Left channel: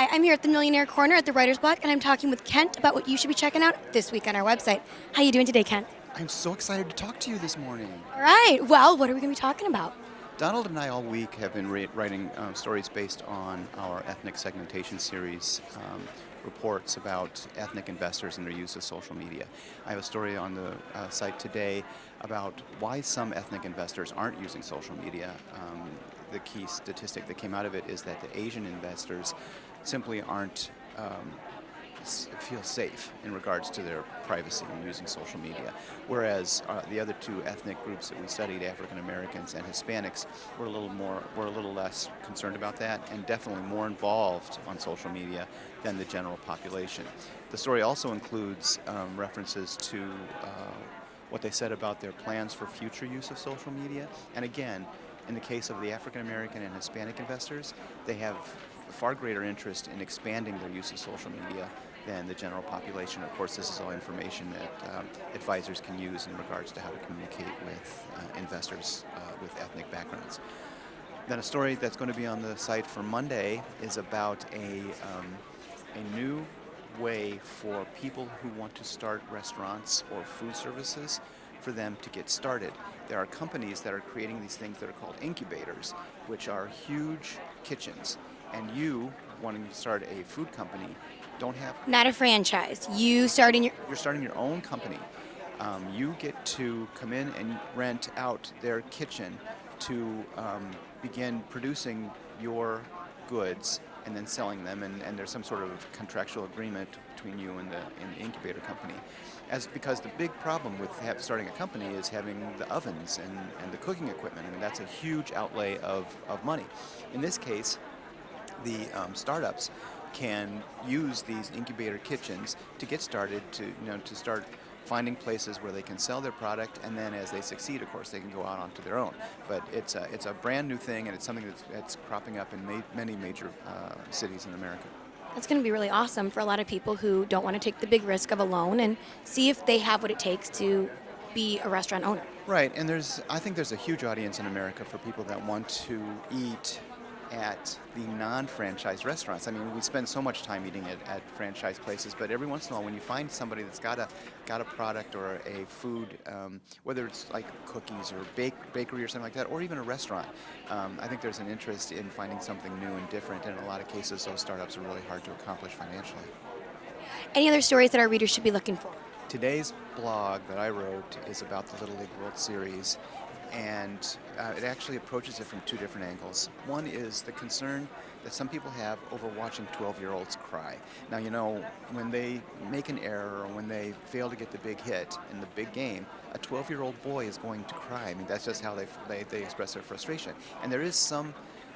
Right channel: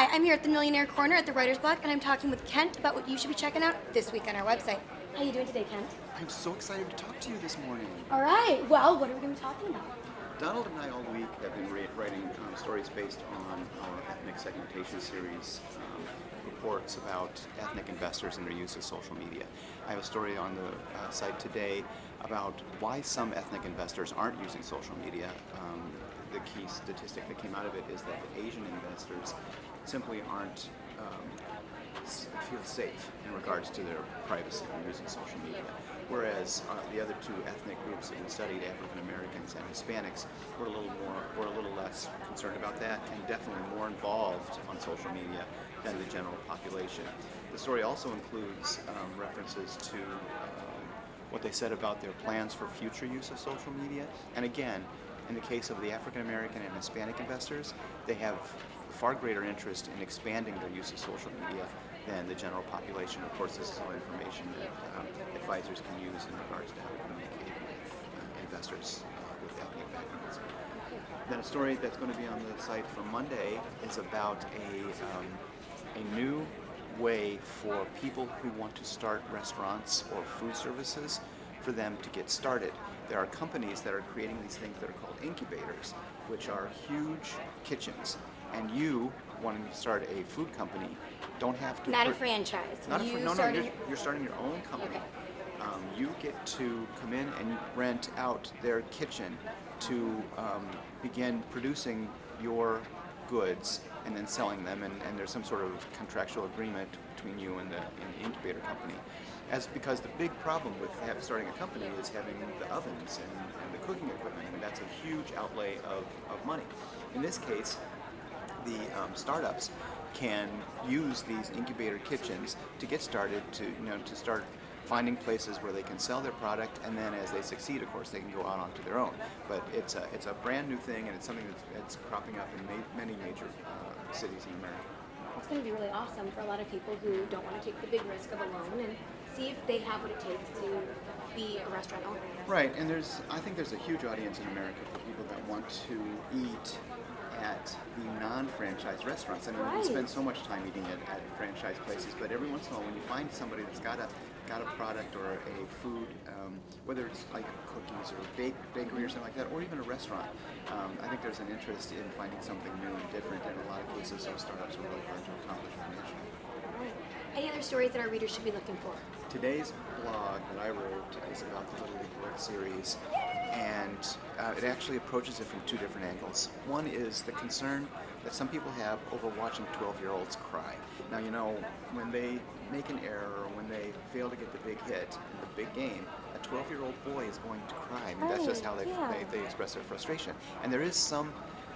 Hi, I'm here at the Millionaire Corner at the Writer's Block, and I'm talking with Kent about what you should be checking out this week on our website. How you doing today, Kent? I'm so excited to talk to you this morning. All right. Well, what are we going to be talking about? Donald and I all week have been writing stories based on our ethnic segmentation series, reports about ethnic investors and their use of social media. I have a story on the site today about why some ethnic investors aren't using social media. The key statistic that came out of it is that the Asian investors simply aren't feel safe in regards to their privacy when using social media. Whereas the other two ethnic groups that we studied, African Americans and Hispanics, were a little less concerned about that, and definitely more involved on social media than the general population. The story also includes references to what they said about their plans for future use of social media. And again, in the case of the African American and Hispanic investors, they have a far greater interest in expanding their use of social media than the general population. Of course, this is all information that advisors can use in regards to how to communicate with investors with ethnic backgrounds. Then a story that's going to be on the site for Monday is about a new way for people who want to start restaurants or food services for them to get started. There are companies that are creating these things that are called incubators, which are huge kitchens. And you, wanting to start a food company, don't have to... Not a franchise. You're starting your own company. You get to come in and rent out their kitchen to begin producing your goods and then selling them, and there's some sort of contractual agreement between you and the incubator company. Because the big problem with starting a company is having the ovens and the cooking equipment, and that's a huge outlay of money. In this case, the startups can use these incubator kitchens to get started, to start finding places where they can sell their product, and then as they succeed, of course, they can go on onto their own. But it's a brand new thing, and it's something that's cropping up in many major cities in America. That's going to be really awesome for a lot of people who don't want to take the big risk of a loan and see if they have what it takes to be a restaurant owner. Right, and I think there's a huge audience in America for people that want to eat at the non-franchise restaurants. I mean, we spend so much time eating at franchise places, but every once in a while, when you find somebody that's got a product or a food, whether it's like cookies or bakery or something like that, or even a restaurant, I think there's an interest in finding something new and different. In a lot of cases, those startups are really hard to accomplish financially. Any other stories that our readers should be looking for? Today's blog that I wrote is about the Little League World Series, and it actually approaches it from two different angles. One is the concern that some people have over watching 12-year-olds cry. Now, when they make an error or when they fail to get the big hit in the big game, a 12-year-old boy is going to cry. I mean, that's just how they express their frustration. And there is some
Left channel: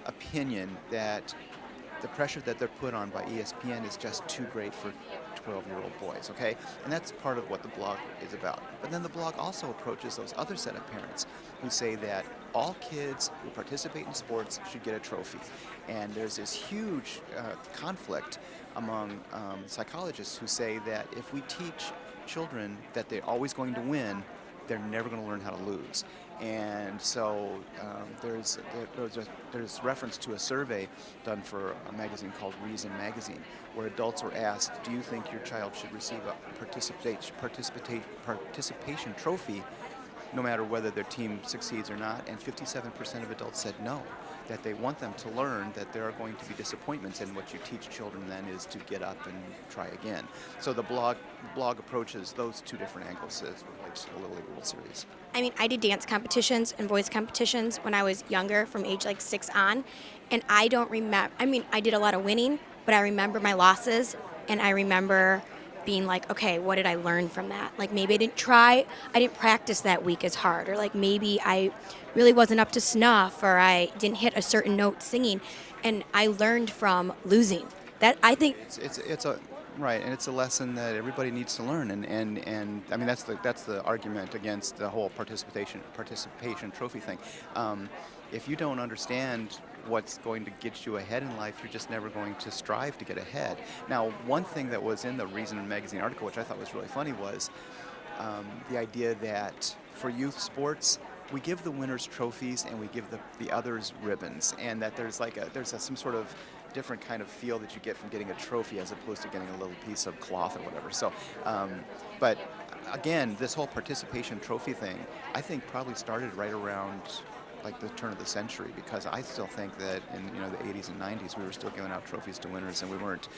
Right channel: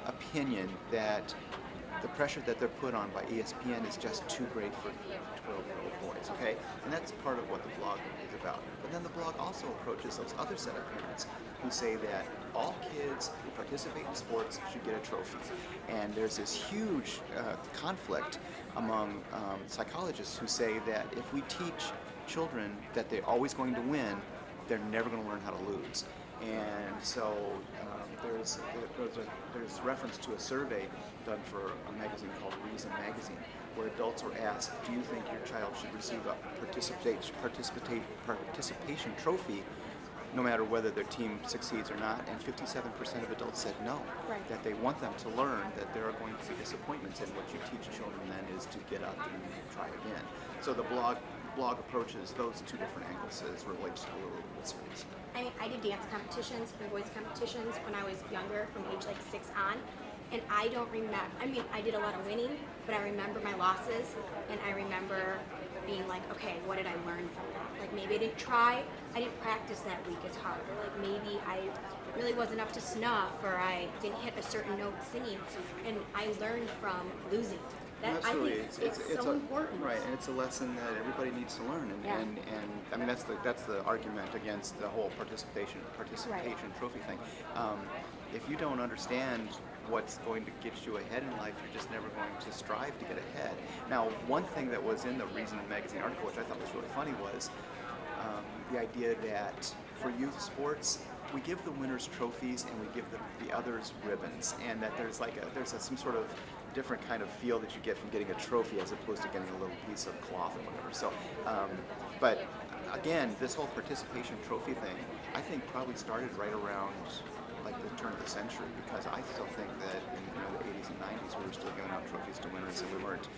opinion that the pressure that they're put on by ESPN is just too great for 12-year-old boys, okay? And that's part of what the blog is about. But then the blog also approaches those other set of parents who say that all kids who participate in sports should get a trophy. And there's this huge conflict among psychologists who say that if we teach children that they're always going to win, they're never going to learn how to lose. And so there's reference to a survey done for a magazine called Reason Magazine, where adults were asked, do you think your child should receive a participation trophy no matter whether their team succeeds or not? And 57% of adults said no, that they want them to learn that there are going to be disappointments, and what you teach children then is to get up and try again. So the blog approaches those two different angles as it relates to the Little League World Series. I mean, I did dance competitions and voice competitions when I was younger, from age like 6 on, and I don't remember, I did a lot of winning, but I remember my losses, and I remember being like, okay, what did I learn from that? Like, maybe I didn't practice that week as hard, or like maybe I really wasn't up to snuff, or I didn't hit a certain note singing, and I learned from losing. That I think it's a right, and it's a lesson that everybody needs to learn, and I mean that's the argument against the whole participation trophy thing. If you don't understand what's going to get you ahead in life, you're just never going to strive to get ahead. Now, one thing that was in the Reason Magazine article, which I thought was really funny, was the idea that for youth sports, we give the winners trophies and we give the others ribbons, and that there's some sort of different kind of feel that you get from getting a trophy as opposed to getting a little piece of cloth or whatever. So, but again, this whole participation trophy thing, I think probably started right around like the turn of the century, because I still think that in the 80s and 90s we were still giving out trophies to winners, and we weren't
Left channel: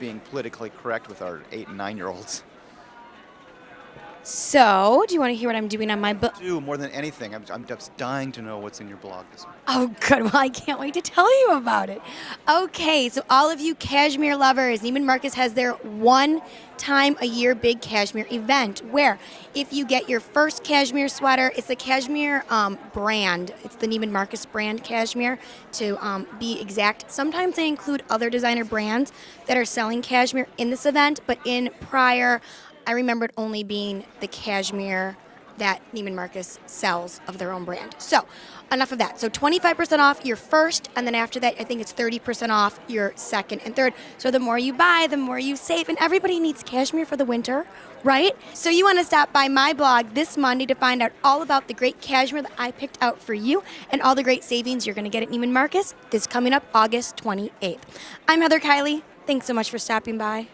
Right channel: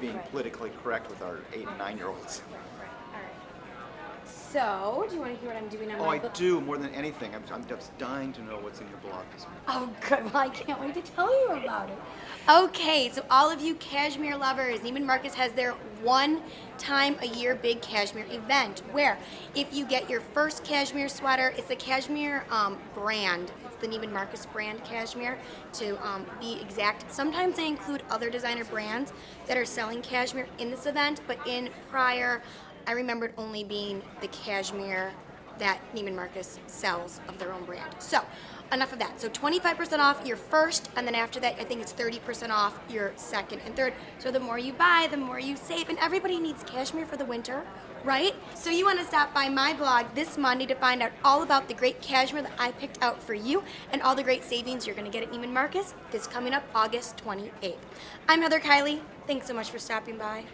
being politically correct with our 8 and 9-year-olds. So, do you want to hear what I'm doing on my I book? do, more than anything. I'm just dying to know what's in your blog this week. Oh, good. Well, I can't wait to tell you about it. Okay, so all of you cashmere lovers, Nieman Marcus has their one-time-a-year big cashmere event where if you get your first cashmere sweater, it's the cashmere brand. It's the Nieman Marcus brand cashmere, to be exact. Sometimes they include other designer brands that are selling cashmere in this event, but in prior, I remember it only being the cashmere that Nieman Marcus sells of their own brand. So, enough of that. So 25% off your first, and then after that, I think it's 30% off your second and third. So the more you buy, the more you save, and everybody needs cashmere for the winter, right? So you want to stop by my blog this Monday to find out all about the great cashmere that I picked out for you and all the great savings you're going to get at Nieman Marcus this coming up August 28th. I'm Heather Kiely. Thanks so much for stopping by.